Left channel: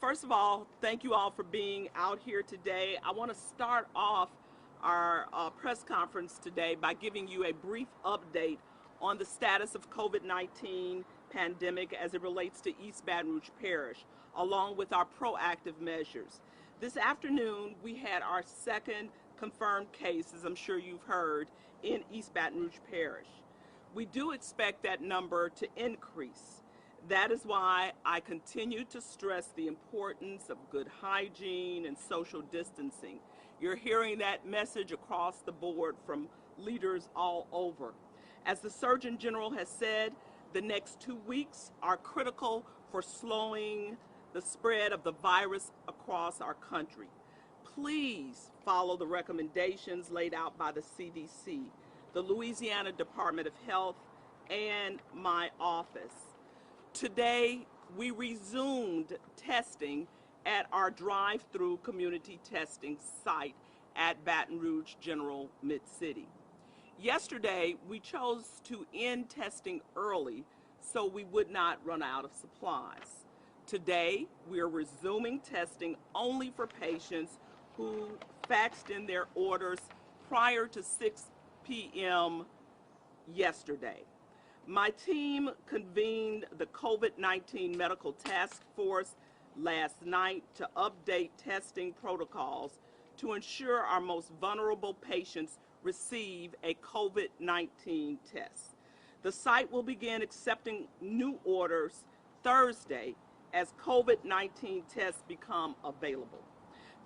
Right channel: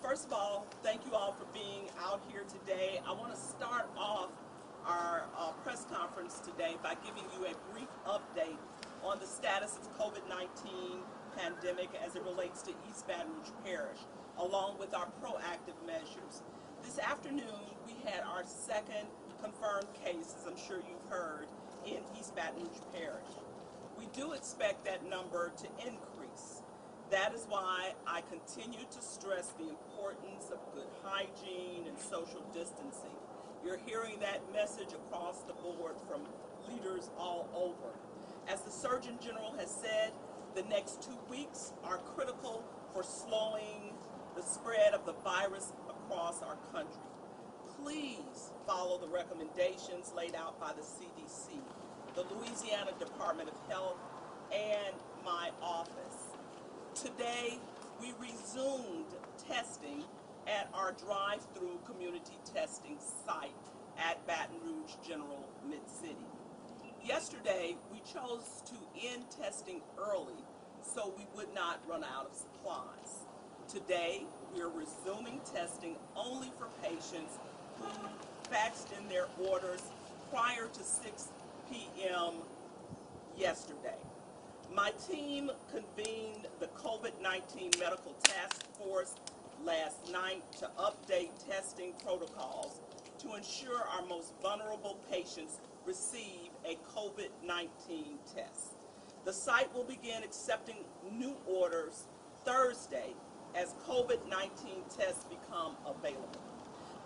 First of all, thank you all for being out here today. I want to start off our press conference today by giving you a brief update on the status of COVID-19 pandemic as it relates to East Baton Rouge Parish, along with our proactive measures. This afternoon, we had our second confirmed case, as I'm sure you've heard, in East Baton Rouge Parish. We do expect that number to increase. That is why I continue to stress the importance of good hygiene and social distancing. You're hearing that message across the board from leaders all over. As the Surgeon General has said, the next 2 weeks are critical for slowing the spread of the virus across our country. Please follow the recommendations laid out by the CDC, the Louisiana Department of Health, and my office. Today, we resumed testing at our drive-through community testing site at Baton Rouge General Mid-City. Yesterday, we chose to end testing early so we would not run out of supplies. Today, we are resuming testing only for patients who faxed in their orders prior to 6 p.m. yesterday. My team convened the COVID-19 Medical Task Force last night to update testing protocols to ensure our most vulnerable patients receive a COVID-19 test. The site will begin accepting new orders Thursday as COVID-19 tests become available.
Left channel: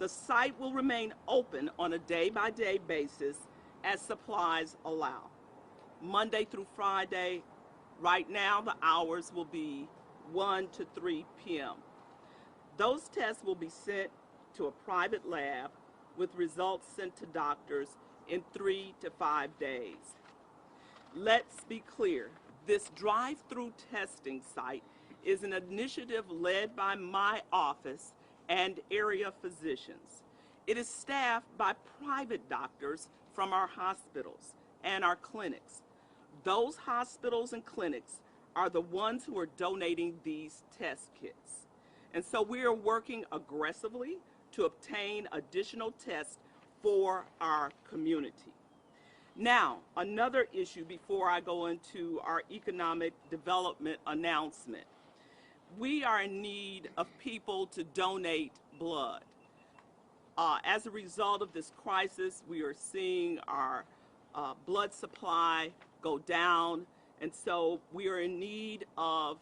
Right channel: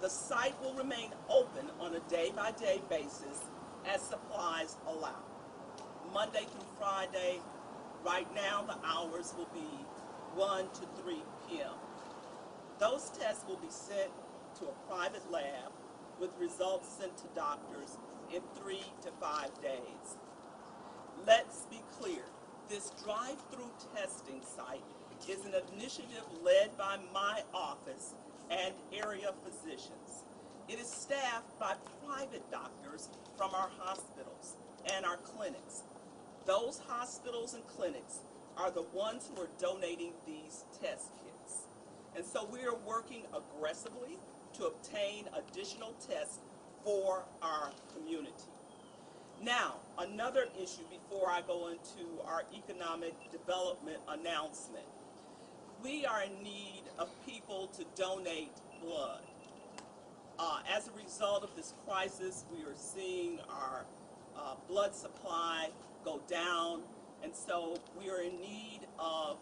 The site will remain open on a day-by-day basis as supplies allow. Monday through Friday, right now the hours will be 1 to 3 p.m. Those tests will be sent to a private lab with results sent to doctors in 3 to 5 days. Let's be clear, this drive-through testing site is an initiative led by my office and area physicians. It is staffed by private doctors from our hospitals and our clinics. Those hospitals and clinics are the ones who are donating these test kits. And so we are working aggressively to obtain additional tests for our community. Now, another issue before I go into our economic development announcement. We are in need of people to donate blood. As a result of this crisis, we are seeing our blood supply go down, and so we are in need of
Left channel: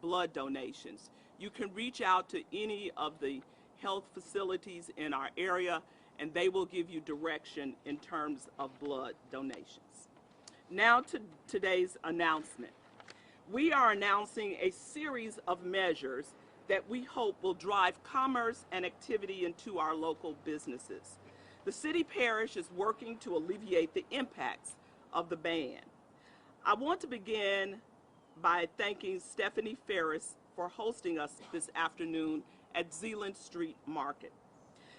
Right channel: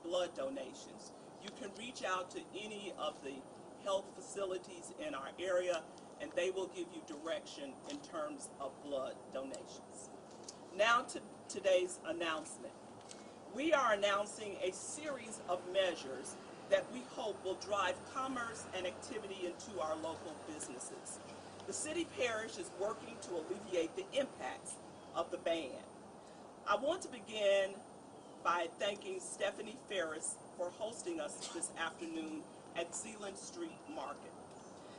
blood donations. You can reach out to any of the health facilities in our area, and they will give you direction in terms of blood donations. Now to today's announcement. We are announcing a series of measures that we hope will drive commerce and activity into our local businesses. The city parish is working to alleviate the impacts of the ban. I want to begin by thanking Stephanie Ferris for hosting us this afternoon at Zeeland Street Market.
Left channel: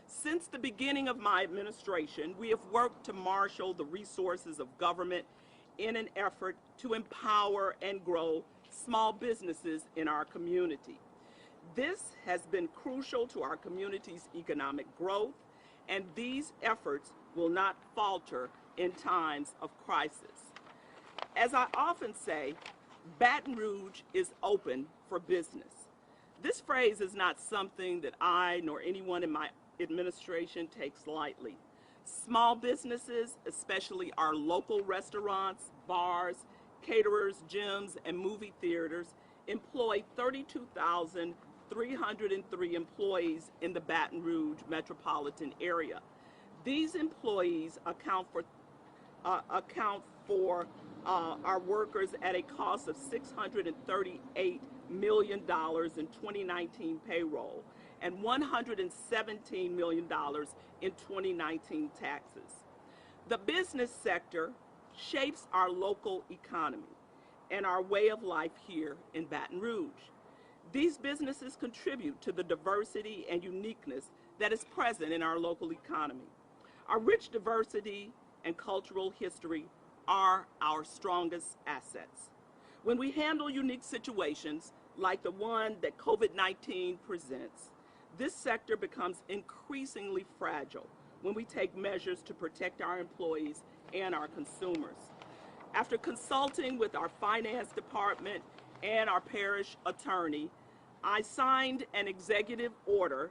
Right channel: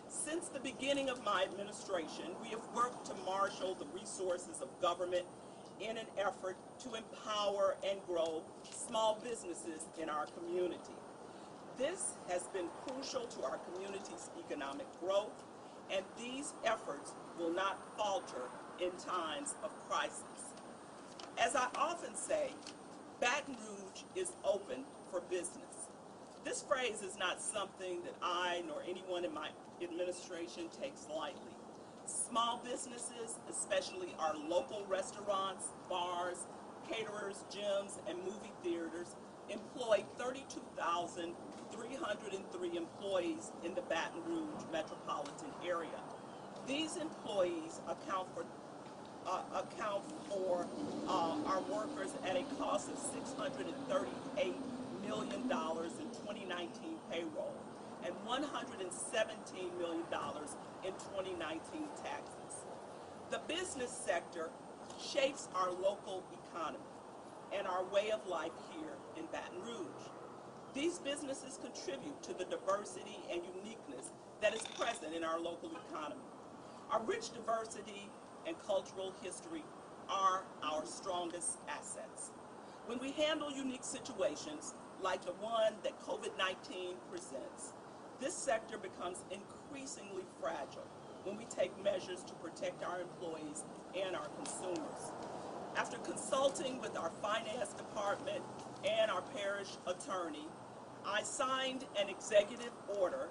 Since the beginning of my administration, we have worked to marshal the resources of government in an effort to empower and grow small businesses in our community. This has been crucial to our community's economic growth, and these efforts will not falter in times of crisis. As I often say, Baton Rouge is open for business. This phrase is not something that I nor anyone in my administration takes lightly. Small businesses, especially our local restaurants, bars, caterers, gyms, and movie theaters, employ 32,303 employees in the Baton Rouge metropolitan area. These employees account for our workers at a cost of $638 million in 2019 payroll and $117 million in 2019 taxes. The business sector shapes our local economy and our way of life here in Baton Rouge. These businesses contribute to the diversity and uniqueness that is present in our local economy. Our rich diversity and cultural history are our strongest assets. When we handle unique situations like the one that COVID-19 presents, this sector becomes increasingly fragile when we take measures to protect our employees and our consumers. After consulting with our finance department and our parish attorney, I signed an executive order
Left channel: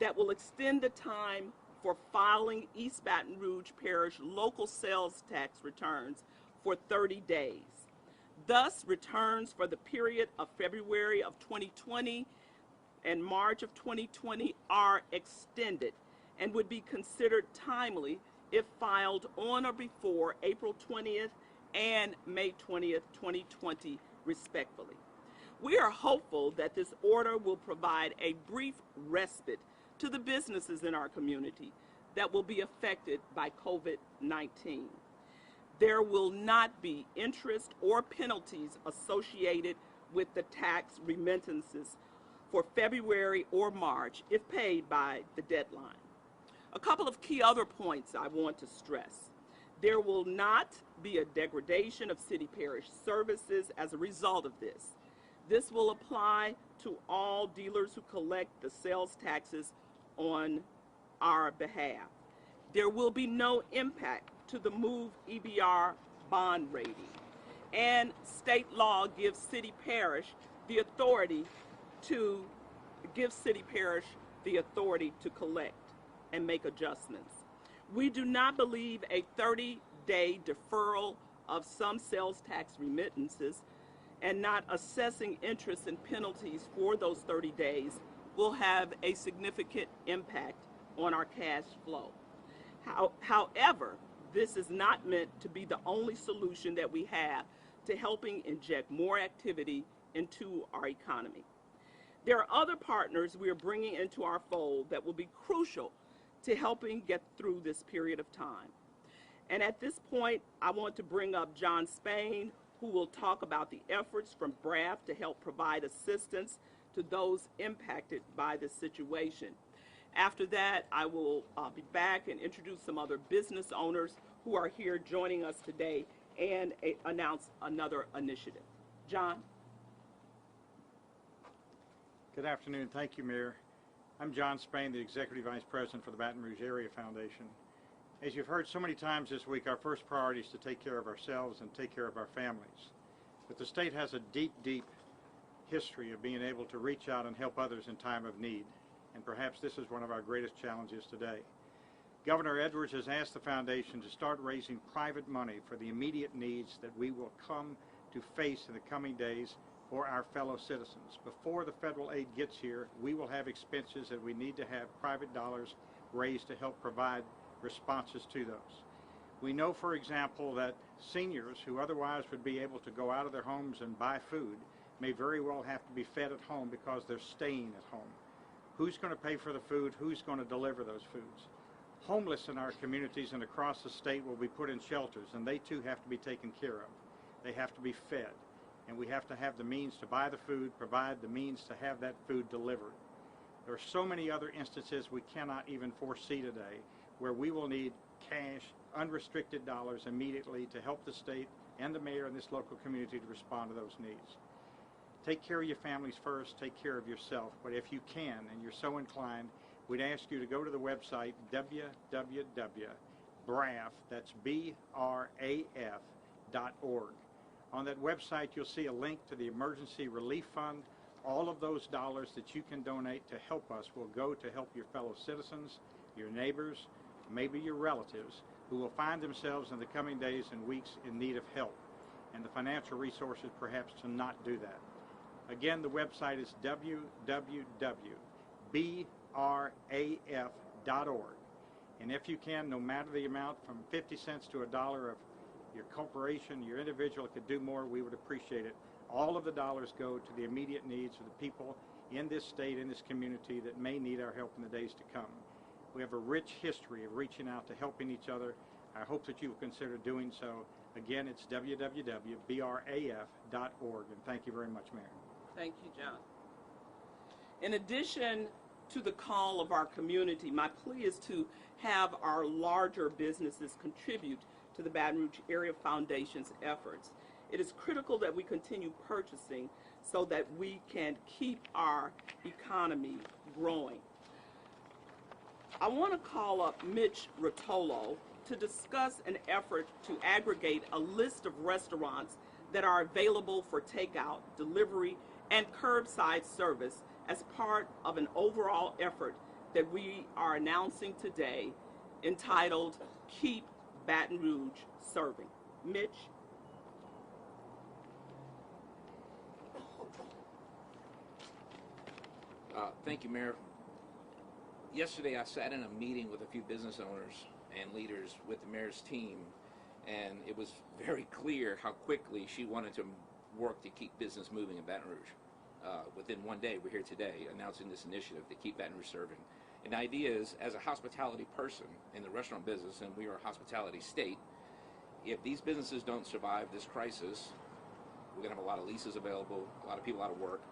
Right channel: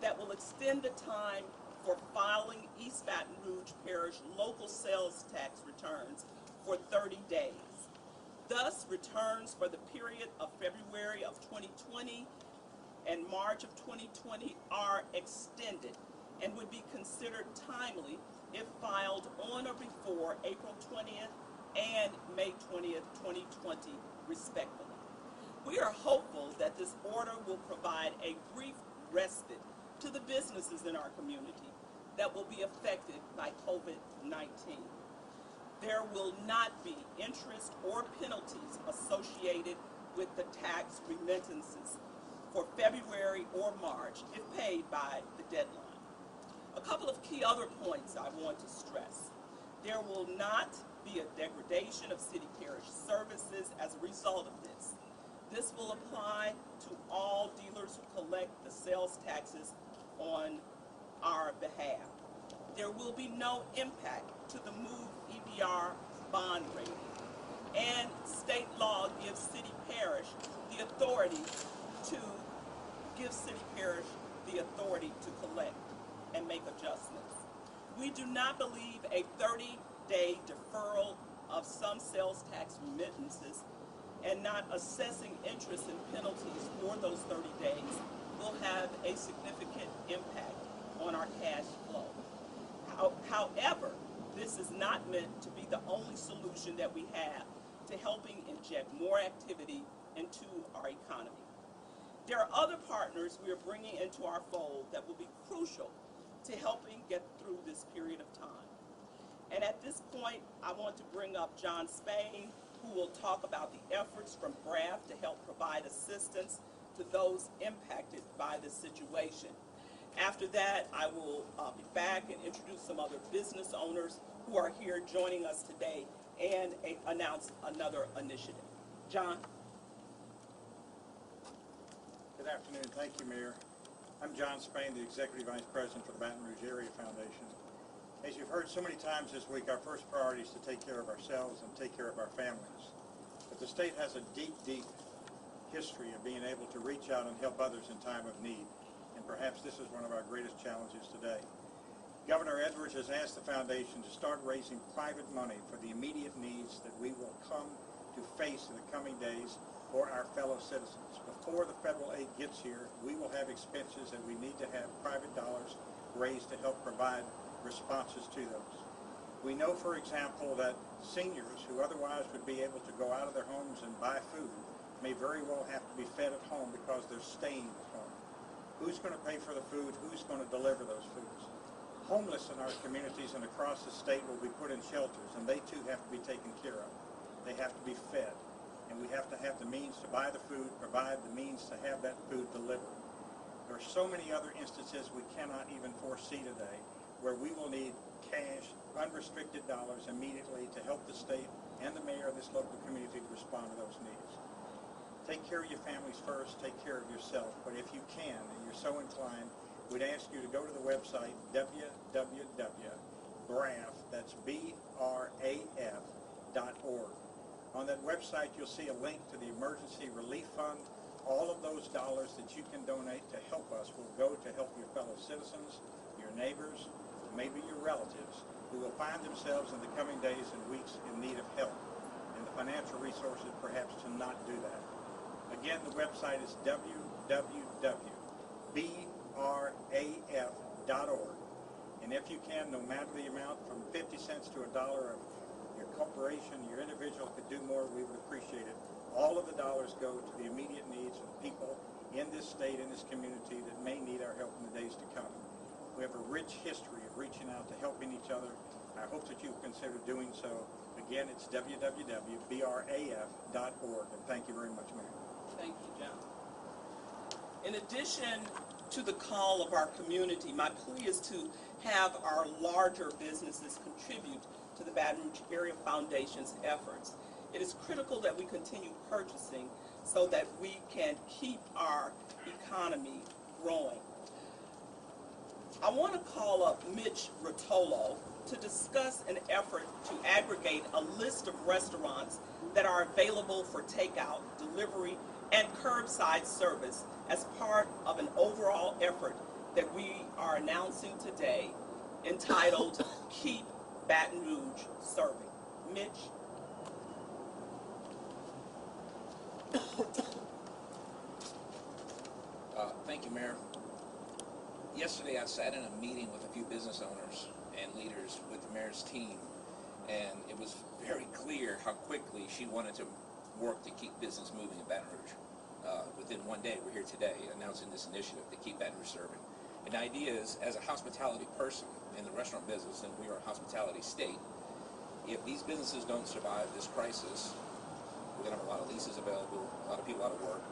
that will extend the time for filing East Baton Rouge Parish local sales tax returns for 30 days. Thus, returns for the period of February of 2020 and March of 2020 are extended and would be considered timely if filed on or before April 20th and May 20th, 2020, respectively. We are hopeful that this order will provide a brief respite to the businesses in our community that will be affected by COVID-19. There will not be interest or penalties associated with the tax remittances for February or March if paid by the deadline. A couple of key other points I want to stress. There will not be a degradation of city parish services as a result of this. This will apply to all dealers who collect the sales taxes on our behalf. There will be no impact to the MOVE EBR bond rating. And state law gives city parish the authority to collect and make adjustments. We do not believe a 30-day deferral of some sales tax remittances and not assessing interest and penalties for those 30 days will have a significant impact on our cash flow. However, this is not meant to be the only solution that we have to helping inject more activity into our economy. There are other partners we are bringing into our fold that will be crucial to helping get through this period of time. And at this point, I want to bring up John Spain, who will talk about the efforts from BRAF to help provide assistance to those impacted by this situation. After that, I will be back and introduce some other business owners who are here joining us today and announce another initiative. John? Good afternoon. Thank you, Mayor. I'm John Spain, the Executive Vice President for the Baton Rouge Area Foundation. As you've heard so many times this week, our first priority is to take care of ourselves and take care of our families. But the state has a deep, deep history of being able to reach out and help others in time of need. And perhaps this is one of our greatest challenges today. Governor Edwards has asked the foundation to start raising private money for the immediate needs that we will come to face in the coming days for our fellow citizens. Before the federal aid gets here, we will have expenses that we need to have private dollars raised to help provide responses to those. We know, for example, that seniors who otherwise would be able to go out of their homes and buy food may very well have to be fed at home because they're staying at home. Who's going to pay for the food? Who's going to deliver those foods? Homeless in our communities and across the state will be put in shelters, and they too have to be taken care of. They have to be fed, and we have to have the means to buy the food, provide the means to have that food delivered. There are so many other instances we cannot even foresee today where we will need cash, unrestricted dollars immediately to help the state and the mayor and this local community to respond to those needs. Take care of your families first, take care of yourself, but if you can and you're so inclined, we'd ask you to go to the website www.braf, that's BRAF.org. On that website you'll see a link to the Emergency Relief Fund. All of those dollars that you can donate to help us will go to help your fellow citizens, your neighbors, maybe your relatives, who will find themselves in the coming days and weeks in need of help, and the financial resources perhaps to not do that. Again, the website is www.braf.org. And if you can, no matter the amount, from 50 cents to $1 of your corporation, your individual could do more, we would appreciate it. All of the dollars go to the immediate needs of the people in this state, in this community that may need our help in the days to come. We have a rich history of reaching out to helping each other. I hope that you will consider doing so. Again, it's www.braf.org. And thank you very much, Mayor. Thank you, John. In addition to the call of our community, my plea is to have our larger businesses contribute to the Baton Rouge Area Foundation's efforts. It is critical that we continue purchasing so that we can keep our economy growing. I want to call up Mitch Rotolo to discuss an effort to aggregate a list of restaurants that are available for takeout, delivery, and curbside service as part of an overall effort that we are announcing today entitled Keep Baton Rouge Serving. Mitch? Thank you, Mayor. Yesterday I sat in a meeting with a few business owners and leaders with the mayor's team, and it was very clear how quickly she wanted to work to keep business moving in Baton Rouge. Within one day, we're here today announcing this initiative to keep Baton Rouge serving. And the idea is, as a hospitality person in the restaurant business, and we are a hospitality state, if these businesses don't survive this crisis, we're going to have a lot of leases available, a lot of people out of work,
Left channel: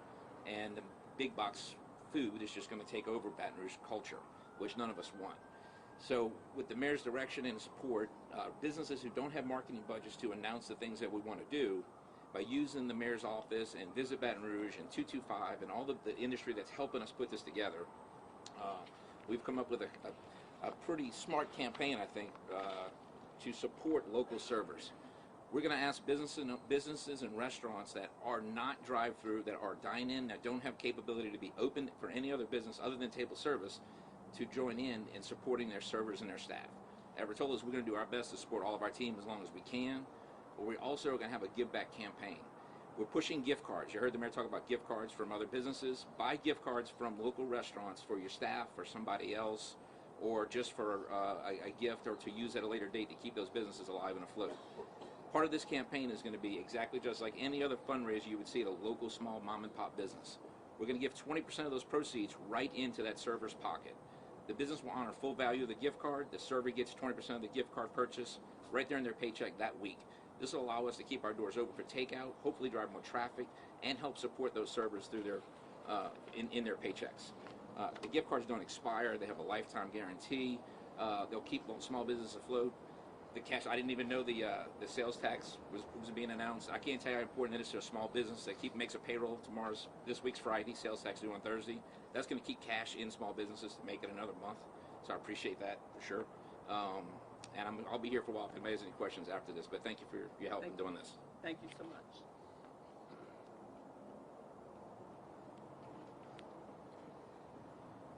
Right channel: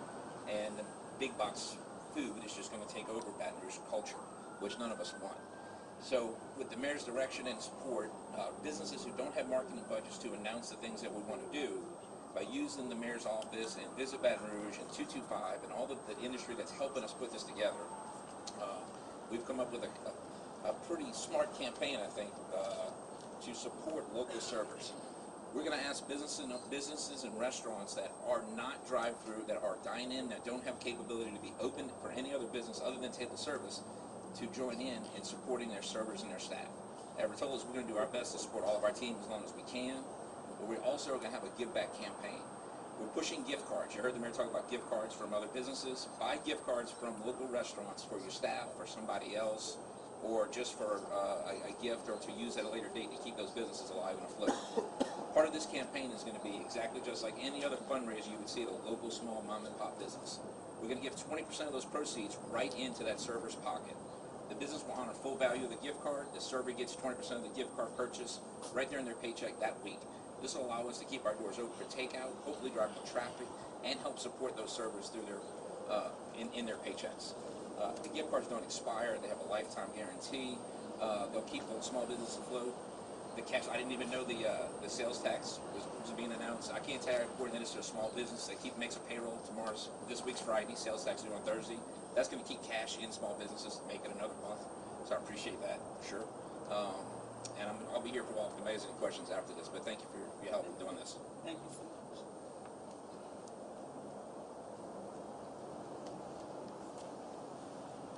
and the big box food is just going to take over Baton Rouge culture, which none of us want. So with the mayor's direction and support, businesses who don't have marketing budgets to announce the things that we want to do, by using the mayor's office and Visit Baton Rouge and 225 and all of the industry that's helping us put this together, we've come up with a pretty smart campaign, I think, to support local servers. We're going to ask businesses and restaurants that are not drive-through, that are dine-in, that don't have capability to be open for any other business other than table service, to join in supporting their servers and their staff. At Rotolo's, we're going to do our best to support all of our team as long as we can, but we also are going to have a give-back campaign. We're pushing gift cards. You heard the mayor talk about gift cards from other businesses. Buy gift cards from local restaurants for your staff or somebody else, or just for a gift, or to use at a later date to keep those businesses alive and afloat. Part of this campaign is going to be exactly just like any other fundraiser you would see at a local small mom and pop business. We're going to give 20% of those proceeds right into that server's pocket. The business will honor full value of the gift card. The server gets 20% of the gift card purchase right there in their paycheck that week. This will allow us to keep our doors open for takeout, hopefully drive more traffic, and help support those servers through their in their paychecks. The gift cards don't expire. They have a lifetime guarantee. They'll keep the small business afloat. The cash, I didn't even know the sales tax was being announced. I can't tell you how important that is to a small business that makes a payroll. This week's Friday, sales tax due on Thursday. That's going to keep cash in small businesses to make it another month. So I appreciate that for sure. And I'll be here for a while if anybody has any questions after this. But thank you for your help in doing this. Thank you so much.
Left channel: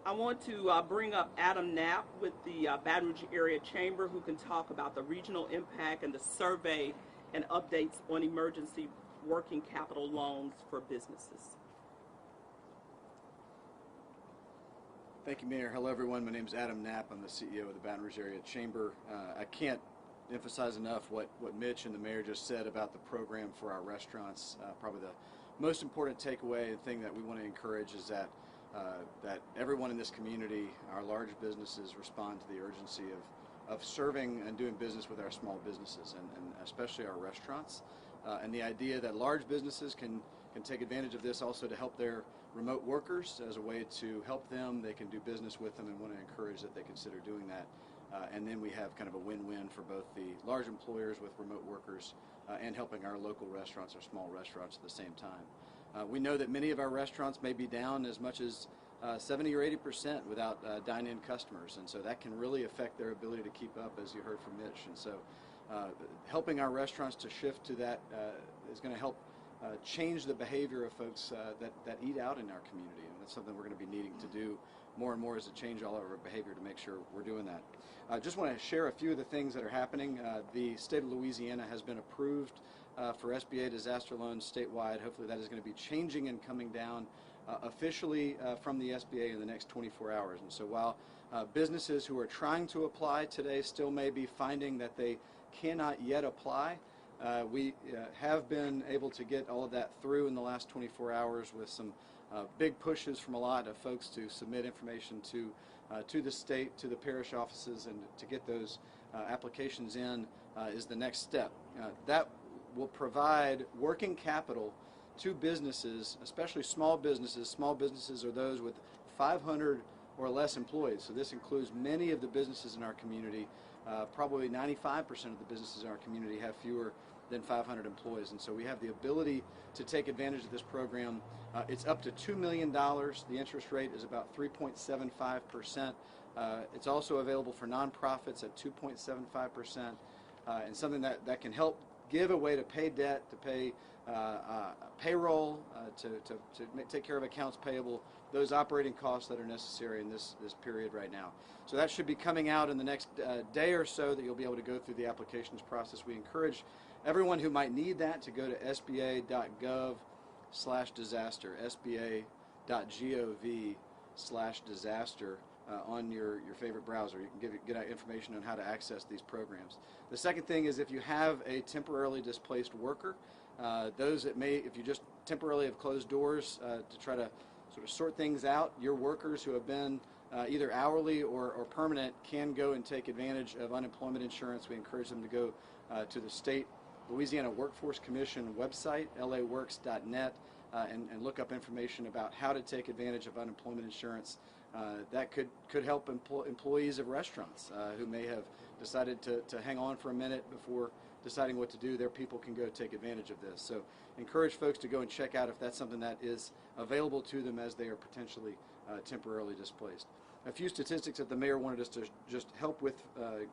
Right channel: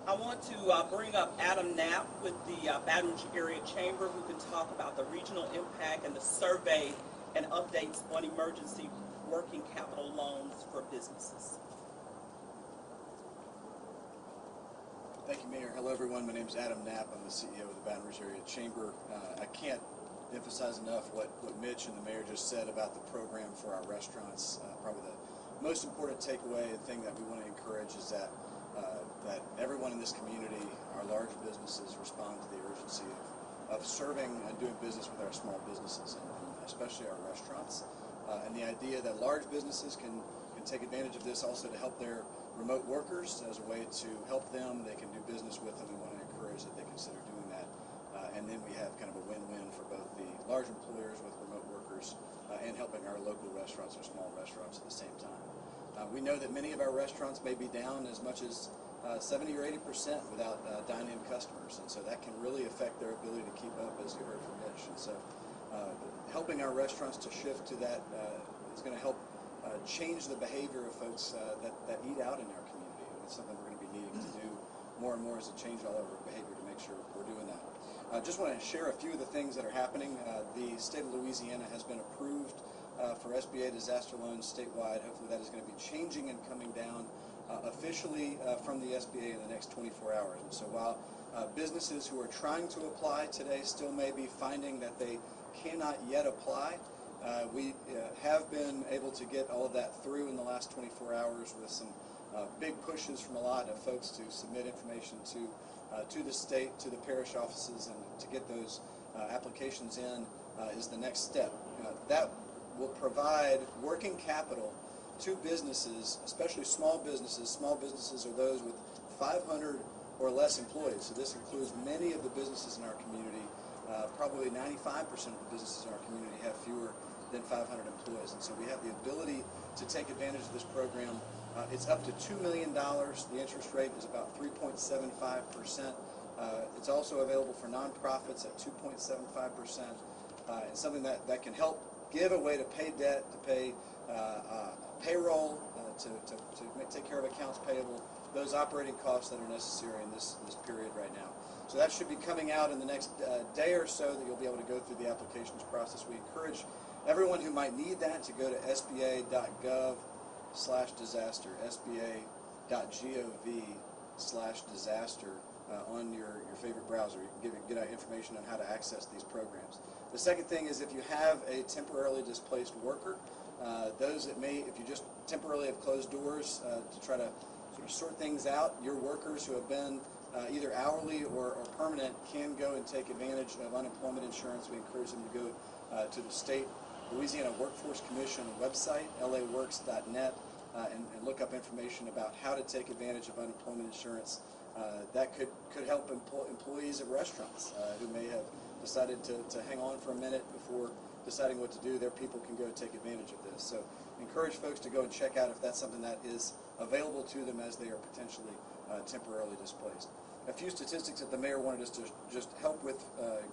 I want to bring up Adam Knapp with the Baton Rouge Area Chamber, who can talk about the regional impact and the survey and updates on emergency working capital loans for businesses. Thank you, Mayor. Hello, everyone. My name is Adam Knapp. I'm the CEO of the Baton Rouge Area Chamber. I can't emphasize enough what Mitch and the mayor just said about the program for our restaurants. Probably the most important takeaway and thing that we want to encourage is that everyone in this community, our large businesses, respond to the urgency of serving and doing business with our small businesses, and especially our restaurants. And the idea that large businesses can take advantage of this also to help their remote workers as a way to help them. They can do business with them, and want to encourage that they consider doing that. And then we have kind of a win-win for both the large employers with remote workers and helping our local restaurants or small restaurants at the same time. We know that many of our restaurants may be down as much as 70 or 80% without dine-in customers, and so that can really affect their ability to keep up, as you heard from Mitch. And so helping our restaurants to shift to that is going to help change the behavior of folks that eat out in our community, and that's something we're going to be needing to do more and more, is to change all of our behavior to make sure we're doing that. I just want to share a few of the things that are happening. The state of Louisiana has been approved for SBA disaster loans statewide. Hopefully that is going to be changing and coming down officially from the SBA in the next 24 hours. And so while businesses who are trying to apply today still may be finding that they cannot yet apply, we have been able to get all of that through in the last 24 hours with some big pushes from a lot of folks to submit information to the state, to the parish offices, and to get those applications in is the next step. That will provide working capital to businesses, especially small businesses. Small businesses are those with 500 or less employees. So this includes many of the businesses in our community. Probably 95% of the businesses in our community have fewer than 500 employees. And so we have the ability to take advantage of this program. It's up to $2 million. The interest rate is about 3.75%. It's also available for nonprofits at 2.75%, and something that can help give a way to pay debt, to pay payroll, to take care of accounts payable, those operating costs that are necessary in this period right now. So that should be coming out in the next day or so, that you'll be able to go through the applications process. We encourage everyone who might need that to go to sba.gov/disaster, sba.gov/disaster on your favorite browser. You can get information on how to access these programs. The second thing is, if you have a temporarily displaced worker, those that may, if you just temporarily have closed doors to try to sort of sort things out, your workers who have been either hourly or permanent can go and take advantage of unemployment insurance. We encourage them to go to the state Louisiana Workforce Commission website, laworks.net, and look up information about how to take advantage of unemployment insurance. That could help employees of restaurants who may have decided to hang on for a minute before deciding what to do. Their people can go take advantage of this. So encourage folks to go and check out if that's something that is available to them as they are potentially temporarily displaced. A few statistics that the mayor wanted us to just help with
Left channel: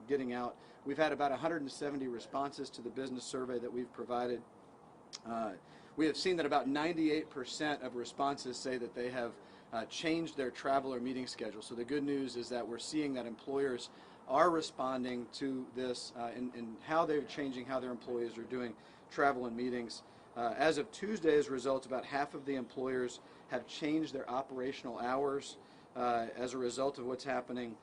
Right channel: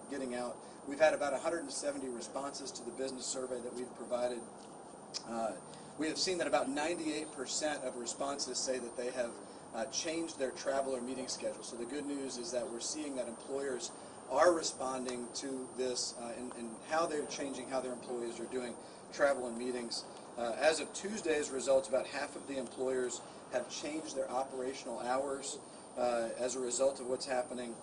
getting out. We've had about 170 responses to the business survey that we've provided. We have seen that about 98% of responses say that they have changed their travel or meeting schedule. So the good news is that we're seeing that employers are responding to this and how they're changing how their employees are doing travel and meetings. As of Tuesday's results, about half of the employers have changed their operational hours as a result of what's happening.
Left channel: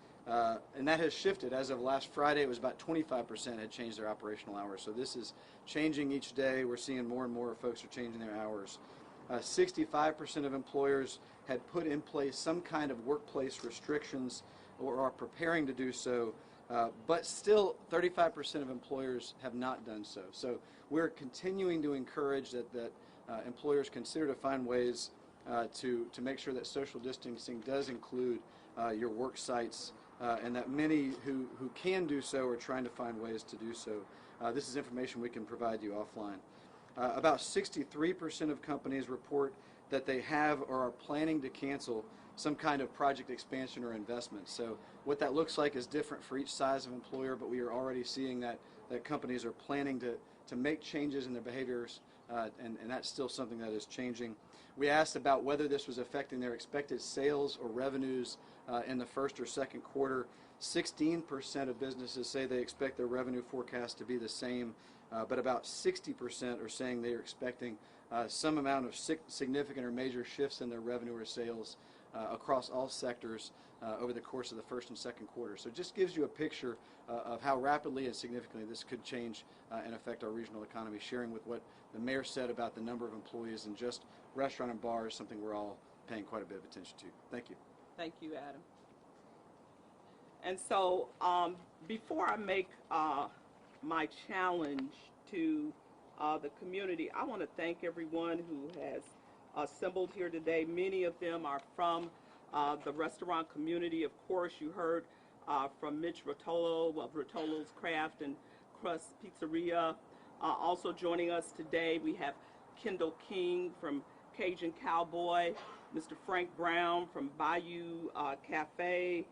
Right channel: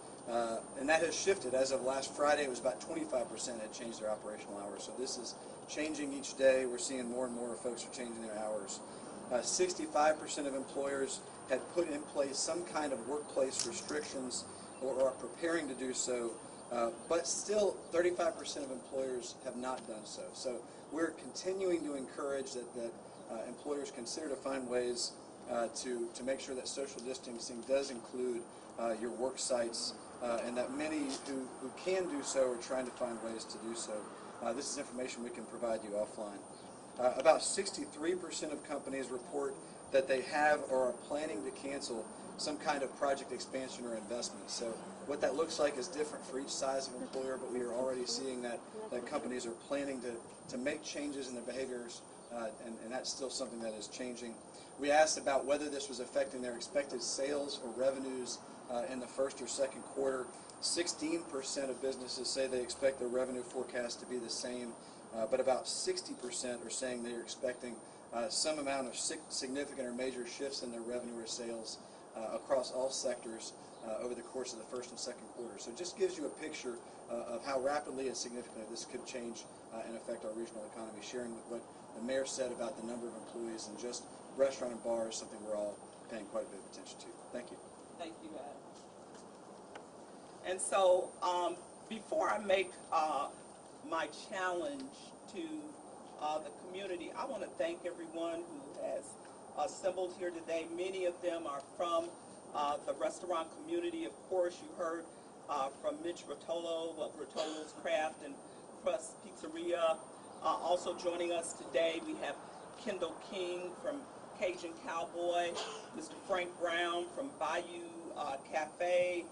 And that has shifted. As of last Friday, it was about 25% had changed their operational hours. So this is changing each day. We're seeing more and more folks are changing their hours. 65% of employers had put in place some kind of workplace restrictions or are preparing to do so, but still 35% of employers have not done so. So we're continuing to encourage that employers consider to find ways to make sure that social distancing does include your work sites, and that many who can do so are trying to find ways to do so. This is information we can provide you offline. About 63% of companies report that they have or are planning to cancel some kind of project expansion or investment. So what that looks like is different for each size of employer, but we are already seeing that companies are planning to make changes in their behaviors, and that's still something that is changing. We asked about whether this was affecting their expected sales or revenues in the first or second quarter. 16% of businesses say they expect their revenue forecast to be the same, but about 60% are saying they are expecting some amount of significant or major shifts in their revenue or sales across all sectors over the course of the first and second quarter. So it just gives you a picture of how rapidly and significantly this could change and affect our regional economy, sharing with what the mayor said about the number of employees in just restaurant and bars, something we're all paying quite a bit of attention to. Thank you. Thank you, Adam. And so before I make my challenge to the community, I want to thank everyone who has assembled here today. Many of them are from the restaurant community. Of course, you heard from Mitch Rotolo of Rotolo's Craft and Crust Pizzeria. Also joining us today, we have Kendall King from Cajun Cowboy, Mr. Frank Brown from Bayou Cafe.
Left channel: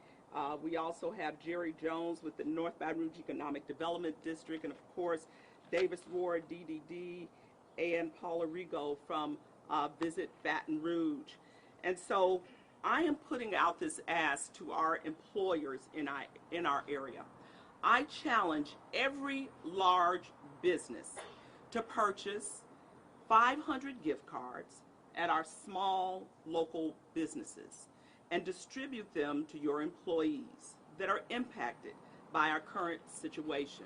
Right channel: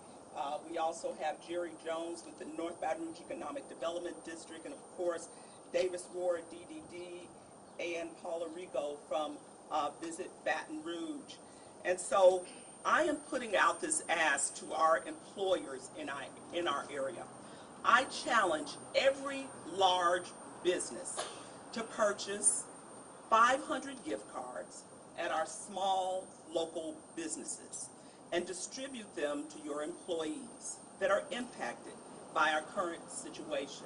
We also have Jerry Jones with the North Baton Rouge Economic Development District, and of course, Davis Ward, DDD, and Paula Rigo from Visit Baton Rouge. And so I am putting out this ask to our employers in our area. I challenge every large business to purchase 500 gift cards at our small local businesses and distribute them to your employees that are impacted by our current situation.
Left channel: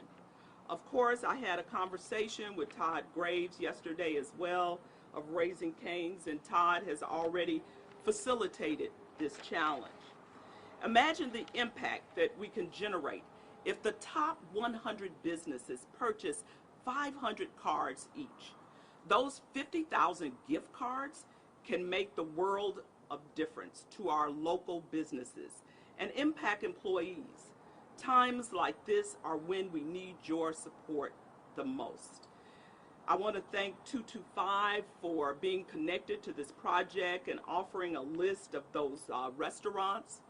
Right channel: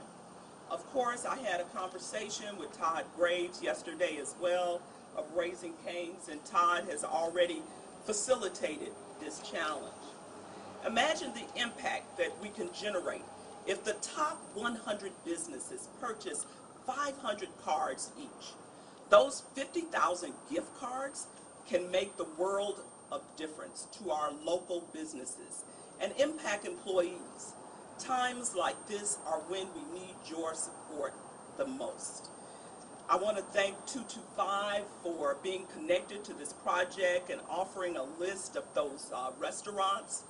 Of course, I had a conversation with Todd Graves yesterday as well of Raising Cane's, and Todd has already facilitated this challenge. Imagine the impact that we can generate if the top 100 businesses purchase 500 cards each. Those 50,000 gift cards can make the world of difference to our local businesses and impact employees. Times like this are when we need your support the most. I want to thank 225 for being connected to this project and offering a list of those restaurants.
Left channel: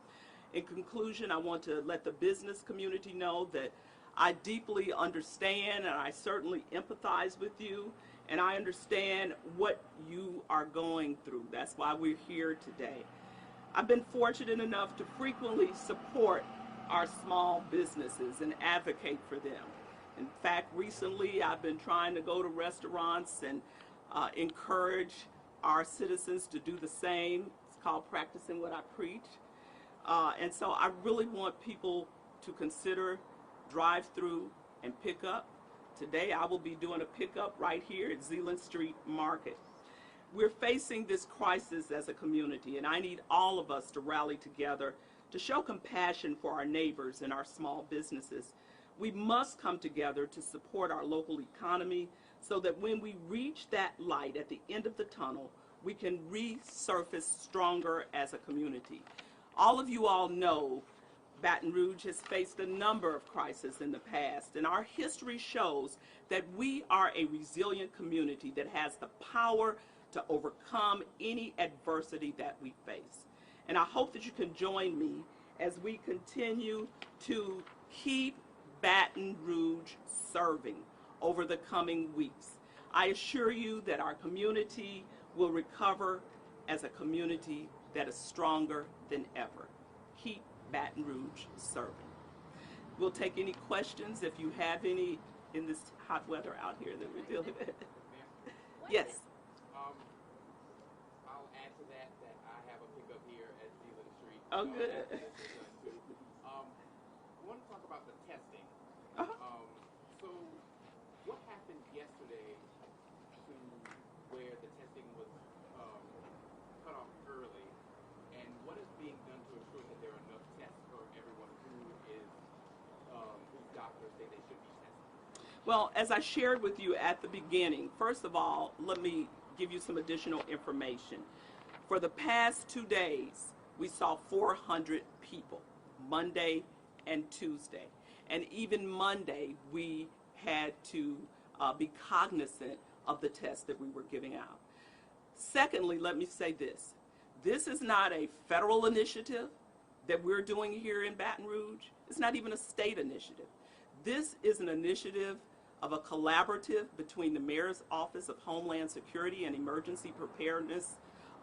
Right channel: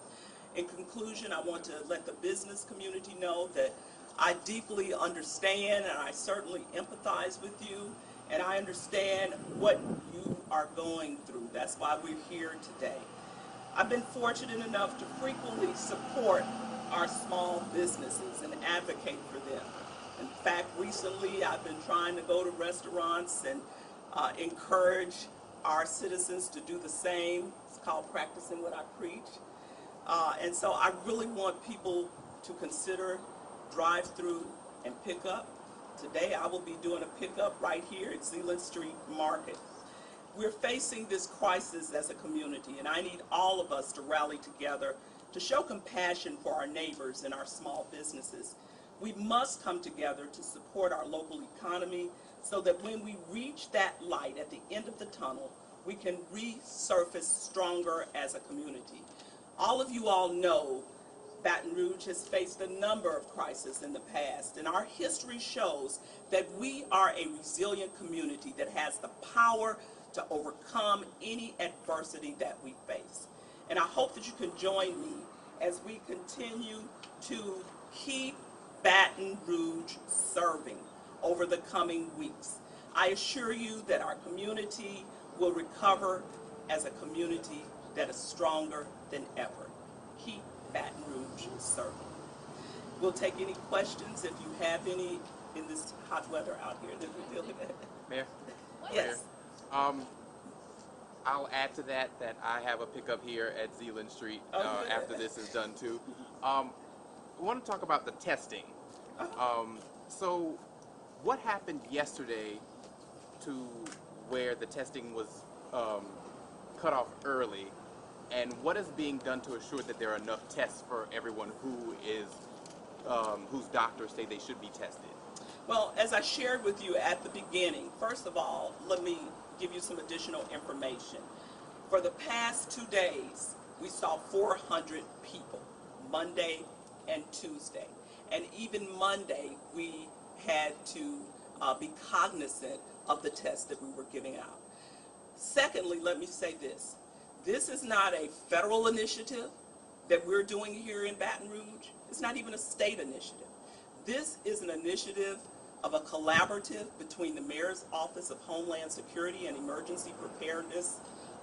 In conclusion, I want to let the business community know that I deeply understand and I certainly empathize with you, and I understand what you are going through. That's why we're here today. I've been fortunate enough to frequently support our small businesses and advocate for them. In fact, recently I've been trying to go to restaurants and encourage our citizens to do the same. It's called practicing what I preach. And so I really want people to consider drive-through and pick-up. Today I will be doing a pickup right here at Zeeland Street Market. We're facing this crisis as a community, and I need all of us to rally together to show compassion for our neighbors and our small businesses. We must come together to support our local economy so that when we reach that light at the end of the tunnel, we can resurface stronger as a community. All of you all know Baton Rouge has faced a number of crises in the past, and our history shows that we are a resilient community that has the power to overcome any adversity that we face. And I hope that you can join me as we continue to keep Baton Rouge serving over the coming weeks. I assure you that our community will recover as a community that is stronger than ever. Keep Baton Rouge serving. We'll take any questions if you have any in this hot weather out here that we're dealing with. Mayor? Yes. Mayor, I'll add to that I have a pickup here at Zeeland Street after this is done too. I want to talk about the testing. So what happened yesterday to where the testing was cut off early, and what is being done to assure that there are enough tests for everyone who is whose doctors say they should be tested? Well, as I shared with you at the beginning, first of all, let me give you some additional information. For the past 2 days, we saw 400 people, Monday and Tuesday. And even Monday, we had to be cognizant of the tests that we were giving out. Secondly, let me say this. This is not a federal initiative that we're doing here in Baton Rouge. It's not even a state initiative. This is an initiative of a collaborative between the Mayor's Office of Homeland Security and Emergency Preparedness,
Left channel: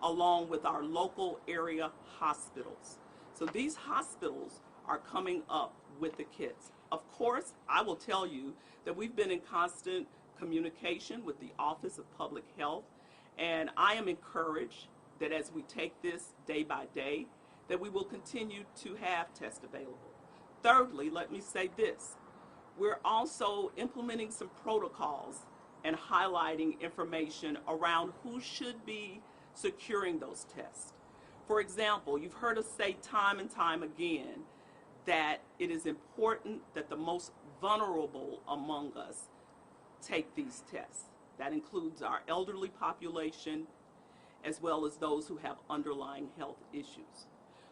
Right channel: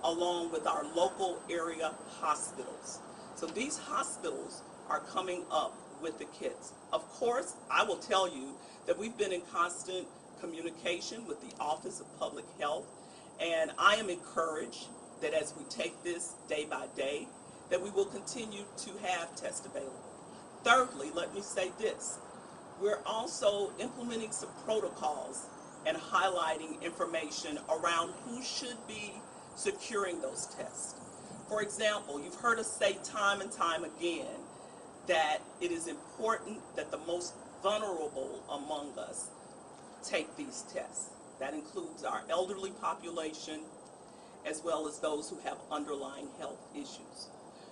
along with our local area hospitals. So these hospitals are coming up with the kits. Of course, I will tell you that we've been in constant communication with the Office of Public Health, and I am encouraged that as we take this day by day, that we will continue to have tests available. Thirdly, let me say this. We're also implementing some protocols and highlighting information around who should be securing those tests. For example, you've heard us say time and time again that it is important that the most vulnerable among us take these tests. That includes our elderly population, as well as those who have underlying health issues.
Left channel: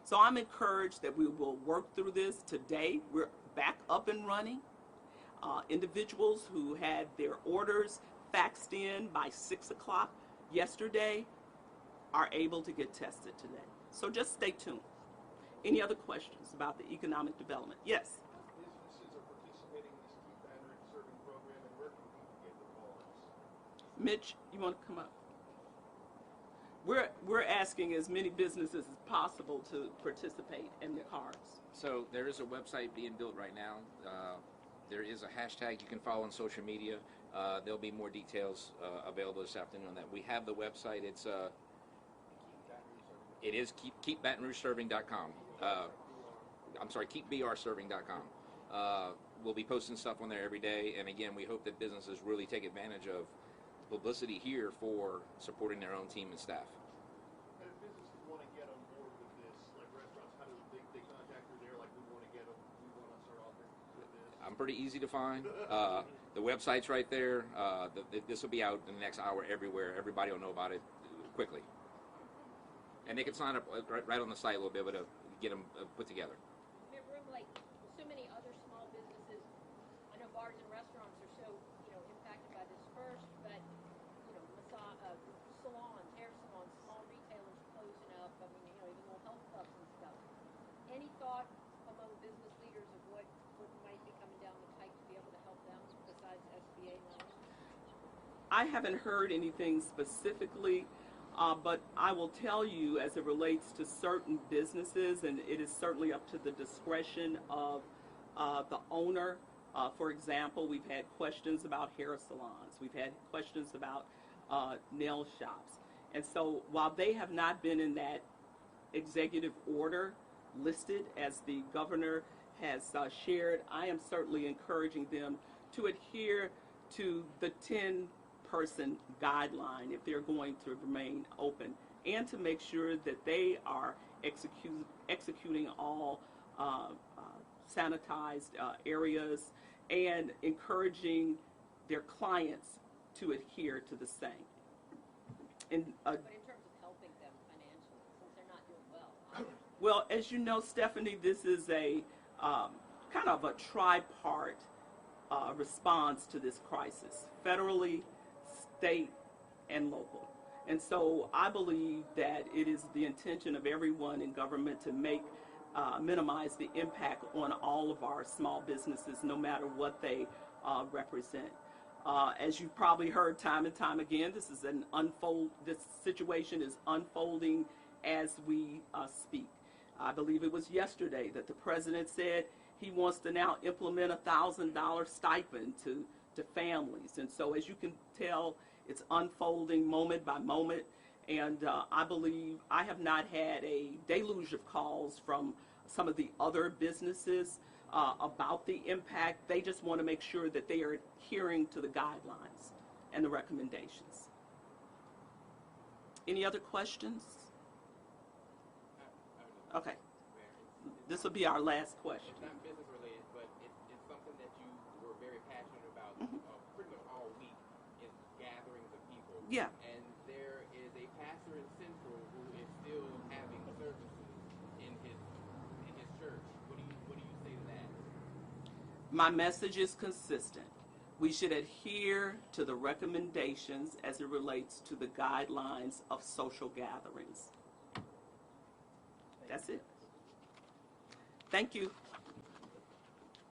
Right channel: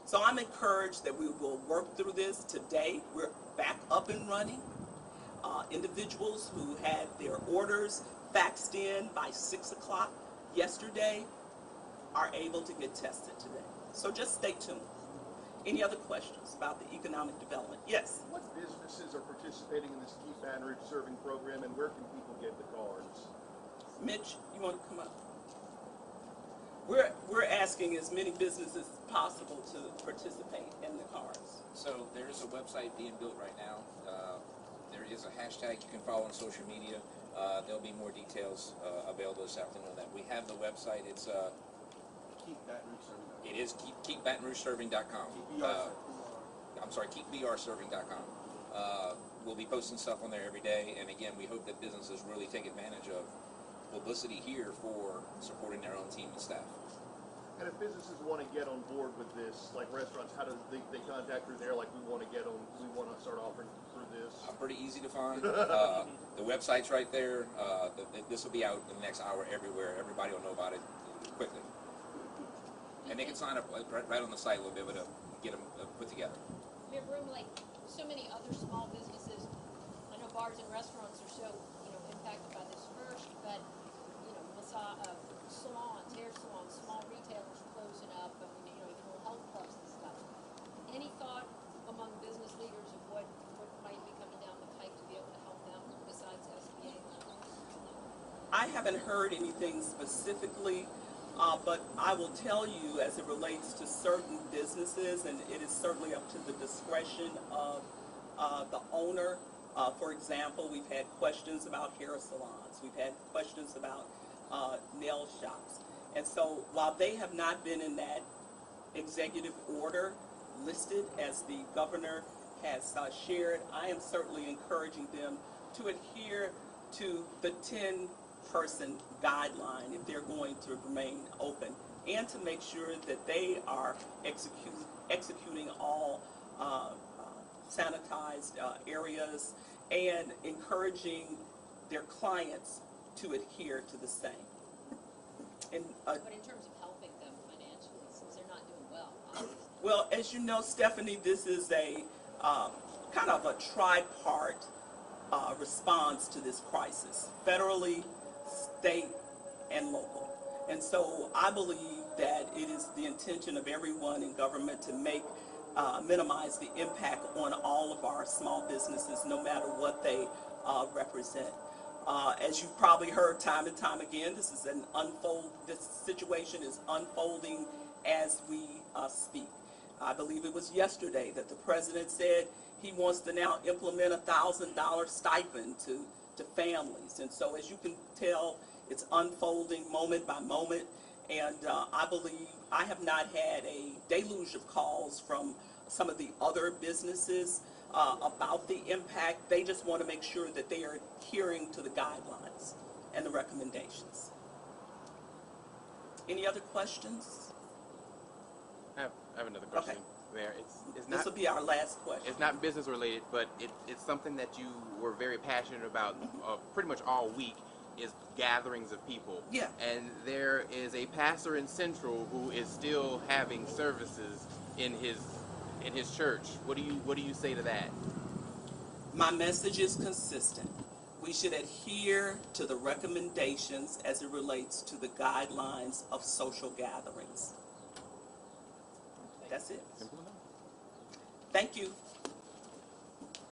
So I'm encouraged that we will work through this. Today, we're back up and running. Individuals who had their orders faxed in by 6 o'clock yesterday are able to get tested today. So just stay tuned. Any other questions about the economic development? Yes? What businesses are participating in this Keep Baton Rouge Serving program, and where can people get the cards? Mitch, you want to come up? We're asking as many businesses as possible to participate in the cards. So there is a website being built right now. There is a hashtag you can follow on social media. There'll be more details available this afternoon on that. We have the website. It's Keep Baton Rouge Serving. it is keepbatonrougeserving.com. I'm sorry, keepbrserving.com. We'll be posting stuff on there every day, and again, we hope that businesses really take advantage of publicity here for supporting their own team and staff. And if businesses want to get on board with this, like restaurants, how do they contact through there? Like, we want to start offering through this. I'm pretty easy to find. The website's right there. This will be out in the next hour everywhere. Everybody will know about it quickly. And they can sign up right on the site. We'll be able to get them put together. Mayor Broome, like so many other small businesses, I know bars and restaurants are so impacted by this first, but haven't heard anything specifically, but I will tell you as it relates to certain businesses, and it is certainly up to the discretion of the owner. For example, we've had questions about hair salons. We've had questions about nail shops. And so while they have not been in that executive order listed as the governor has shared, I am certainly encouraging them to adhere to the 10-person guideline if they're going to remain open, and to make sure that they are executing all sanitized areas, and encouraging their clients to adhere to the same. And, But in terms of helping them financially, since they're not doing well, obviously. well, as you know, Stephanie, this is a kind of a tripart response to this crisis, federally, state, and local. And so I believe that it is the intention of everyone in government to minimize the impact on all of our small businesses, no matter what they represent. As you've probably heard time and time again, this situation is unfolding as we speak. I believe it was yesterday that the president said he wants to now implement a $1,000 stipend to families. And so as you can tell, it's unfolding moment by moment. And I believe I have not had a deluge of calls from some of the other businesses about the impact. They just want to make sure that they are adhering to the guidelines and the recommendations. Any other questions? I have another question. Okay. There, This will be our last question. it's not business related, but it's something that you were very passionate about pretty much all week, is gatherings of people. Yeah. And there is a pastor in Central who is still having services in his church. What do you say to that? My message is consistent. We should adhere to the recommendations as it relates to the guidelines of social gatherings. That's it. Simple enough. Thank you.